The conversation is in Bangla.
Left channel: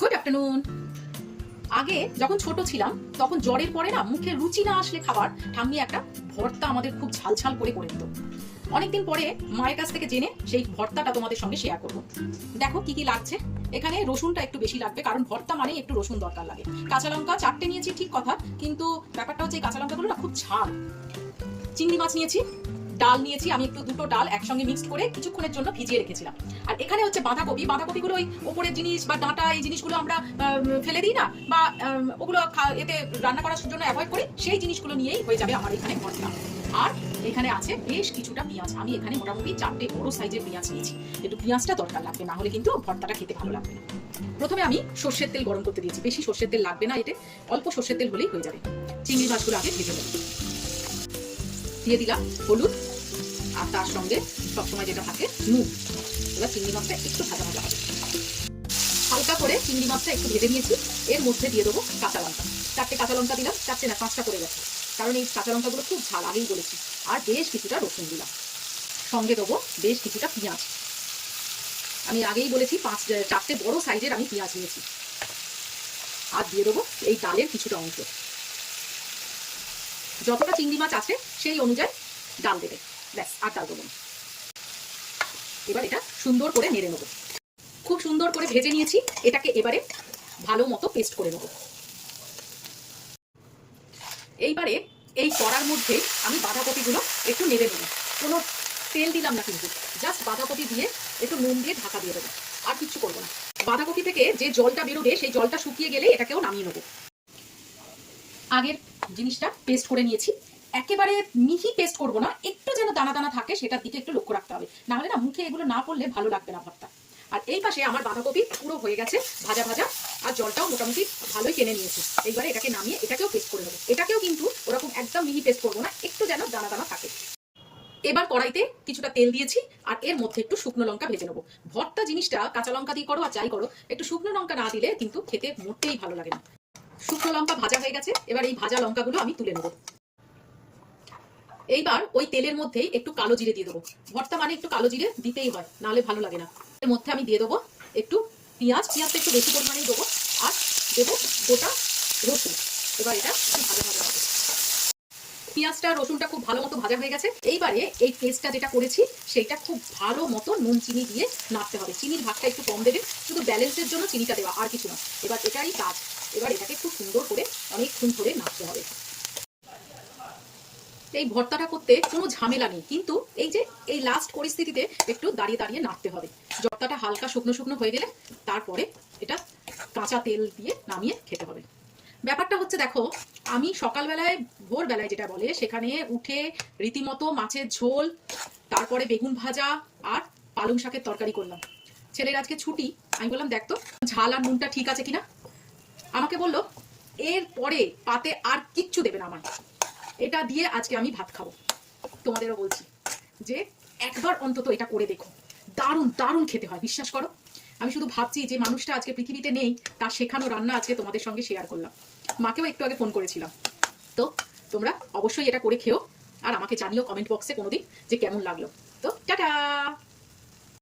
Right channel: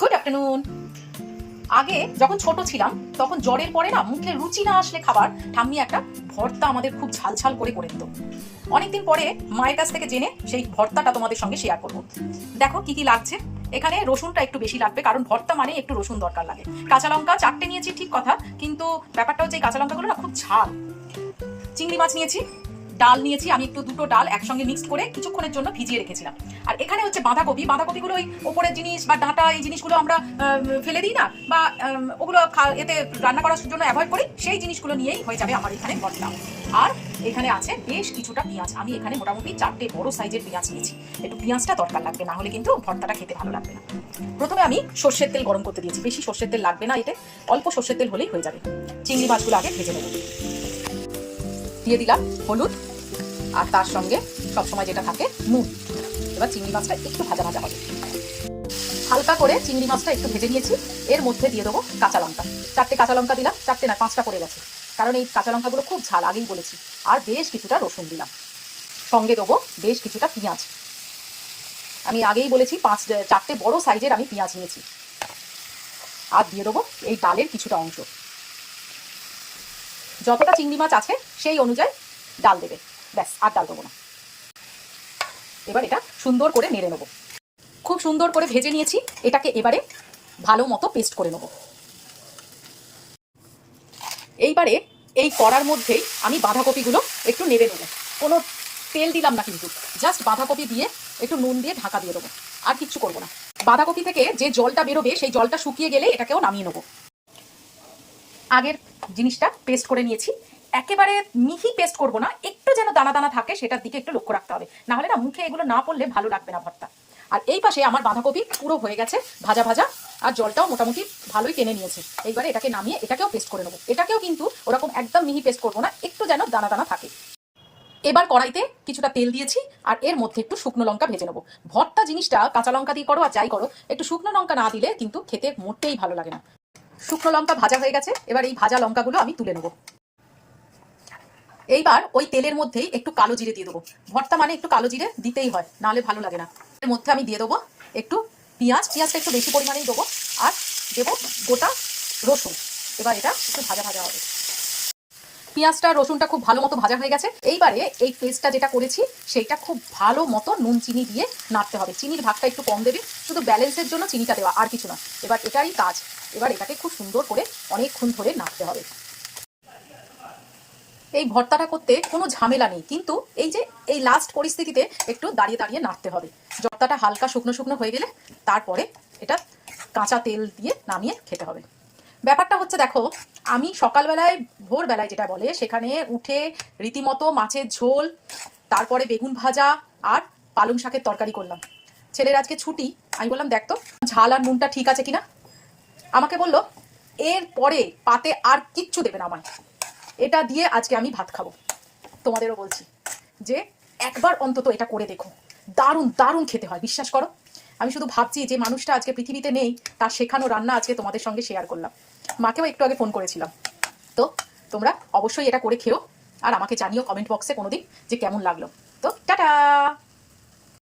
গুড আফটারনুন আগে যখন ছোট ছিলাম, তখন জ্বরের পরে না মুখে রুচি না আসলে খাবার ঠাম্মি একটা ভর্তা আমাদের খুব ঝাল ঝাল করে করে দিত। অনেকদিন পরে মায়ের কাছ থেকে জেনে সেই ভর্তাটা তোমাদের সঙ্গে শেয়ার করব। দেখো কি কি লাগছে। এখানে রসুনটা একটু বেশি লাগবে, কারণ ভর্তা মানে একটু রসুন দরকার লাগে। কাঁচা লঙ্কা চারটে নিয়েছি ঠিক কথা, কিন্তু ব্যাপারটা হচ্ছে এই কাঁচা লঙ্কাগুলো না খুব ঝাল। চিংড়ি মাছ নিয়েছি ডাল নিয়েছি, আমি একটু দুটো ডাল একসঙ্গে মিক্সড করে কিছুক্ষণের জন্য ভিজিয়ে রেখেছিলাম। আর এখানে হচ্ছে বাঁধাকপি, বাঁধাকপিগুলো ওই ওপরের জিনিস বা ডাঁটা, এই জিনিসগুলো আমরা ফেলে দিই না, বা ওগুলো এতে রান্না করার জন্য অ্যাভয়েড করি, সেই জিনিসগুলো নিয়েই হয়ে যাবে আমার এখানে ভর্তা আর এখানে আছে বেশ কিছুটা পেঁয়াজ। আমি এখানে মোটামুটি চারটে বড় সাইজের পেঁয়াজ নিয়েছি। একটু পেঁয়াজটা দরকার লাগবে, না হলে কিন্তু ভর্তাটা খেতে ভালো লাগবে না। প্রথমে আমি সর্ষের তেল গরম করতে দিয়েছি। বেশি সর্ষের তেল লাগবে না এতে, অল্প সর্ষের তেল হলেই হয়ে যাবে। চিংড়ি মাছগুলো আগে ভেজে নেব। দিয়ে দিলাম হলুদ আর তার সঙ্গে সবসময় যেটা থাকে, নুন। এবার চিংড়ি মাছটা একটু ভাজা ভাজা হবে। হালকা করে চিংড়ি মাছটা একটু ভেজে নিয়েছি। এর মধ্যে দিয়ে দেবো কাঁচা লঙ্কা। চারটে কাঁচা লঙ্কা দিলাম, চারটে না, পাঁচটা করে গেছে। কারণ এই কাঁচা লঙ্কাগুলো খুব ঝাল, আগেই বলেছি। আর বেশ কিছুটা রসুন দিলাম। সঙ্গে দেবো বেশ কিছুটা পেঁয়াজ। আমি আগেই বলেছি, পাঁচ, চারটে বড় সাইজের আমি পেঁয়াজ নিয়েছি। আর দিয়ে দেবো এই ডালের কিছুটা অংশ। যতটা চিংড়ি মাছ আছে, সেই অনুযায়ী ডাল দেবে। ব্যাস আর ডাল দেবো না। এবার এটা সুন্দর করে নেড়ে নেব। খুব সুন্দর করে ভেজে নিয়েছি। এটাকে এবারে ভালো মতো পেস্ট করে নেব। এইবারে এই কড়ার মধ্যেই আমি বাঁধাকপিগুলো একটু নেড়ে নেব। কোনো তেল দিলাম না কিন্তু। জাস্ট বাঁধাকপি দিয়ে একটু নুন দিয়ে ঢাকা দিয়ে দেবো। আর কিচ্ছু করব না। বাঁধাকপি থেকে যে জলটা বেরোবে সেই জলটা শুকিয়ে গেলে এটাকেও নামিয়ে নেব। আগের জিনিসটা পেস্ট করে নিয়েছি। একেবারে মিহি পেস্ট করব না, একটু যেন দানা দানা থাকে, সেটার দিকে একটু লক্ষ্য রাখতে হবে। না হলে না মুখে এগুলো না পড়লে ভালো লাগবে না ভর্তা। আর এই পাশে আমার বাঁধাকপি পুরো হয়ে গেছে, ভাজা ভাজা, আর জলটাও মোটামুটি ভালোই টেনে নিয়েছে। এইবারে এটাকে নামিয়ে এটাকেও পেস্ট করে নেব। এটাকেও কিন্তু ওরকম একদম মিহি পেস্ট করব না, একটু যেন দানা দানা থাকে। এবার কড়াইতে কিছুটা তেল দিয়েছি, আর এর মধ্যে একটু শুকনো লঙ্কা ভেজে নেব। ভর্তা জিনিসটা কাঁচা লঙ্কা দিয়ে করো আর যাই করো, একটু শুকনো লঙ্কা না দিলে কিন্তু খেতে মোটেই ভালো লাগে না। শুকনো লঙ্কা ভাজা হয়ে গেছে, এবার এই ভাজা লঙ্কাগুলো আমি তুলে নেব। এইবার ওই তেলের মধ্যেই একটু কালো জিরে দিয়ে দেবো। ভর্তা মানে একটু কালো জিরে দিতেই হয়, নাহলে ভালো লাগে না। এর মধ্যে আমি দিয়ে দেবো একটু পেঁয়াজ, পেঁয়াজটা একটু বেশি পরিমাণেই দেবো আর দেবো গোটা রসুন। এবার এটা একটু ভাজা ভাজা হবে। পেঁয়াজটা, রসুনটা খুব ভালো মতো ভাজা হয়ে গেছে। এইবারে এই পেস্টটা যেটা করেছি, সেইটা খুব ভালো মতো নুন চিনি দিয়ে নাড়তে হবে। চিনির ভাগটা একটু কম দেবে, শুধু ব্যালেন্সের জন্য চিনিটা দেওয়া আর কিছু না। এবার এটাই কাজ। এবার এটাকে খুব সুন্দর করে অনেকক্ষণ ধরে নাড়তে হবে। এই ভর্তাটা করতে কোনো ঝামেলা নেই। কিন্তু এই যে এই লাস্ট পরিস্থিতিতে একটু দাঁড়িয়ে দাঁড়িয়ে নাড়তে হবে। ভর্তাটা হালকা শুকনো শুকনো হয়ে গেলে তারপরে এটা কাঁচা তেল দিয়ে নামিয়ে খেতে হবে। ব্যাপারটা হচ্ছে দেখো, আমি সকালবেলায়, ভোরবেলায় যেটা বলে, সেখানে উঠে রীতিমতো মাছের ঝোল, তারপরে বেগুন ভাজা আর পালং শাকের তরকারি করলাম। ছেলের আজকে ছুটি, আমি বললাম, দেখ তো, ঝাল আর নুনটা ঠিক আছে কিনা? আমাকে বলল এর পরে পাতে আর কিচ্ছু দেবে না আমায়। এটা দিয়ে আজকে আমি ভাত খাব। তোমাদেরও বলছি যে একবার অন্তত এটা করে দেখো। দারুণ দারুণ খেতে হয়, বিশ্বাস করো। আমি শুধু ভাবছি যে মানুষটা আজকে পৃথিবীতে নেই, তার শেখানো রান্না আজকে তোমাদের সঙ্গে শেয়ার করলাম। মাকেও একটু আগে ফোন করেছিলাম। তো তোমরা অবশ্যই এটা করে খেও, আর আমাকে জানিও কমেন্ট বক্সে কোনোদিন যে কেমন লাগল। তো টাটা!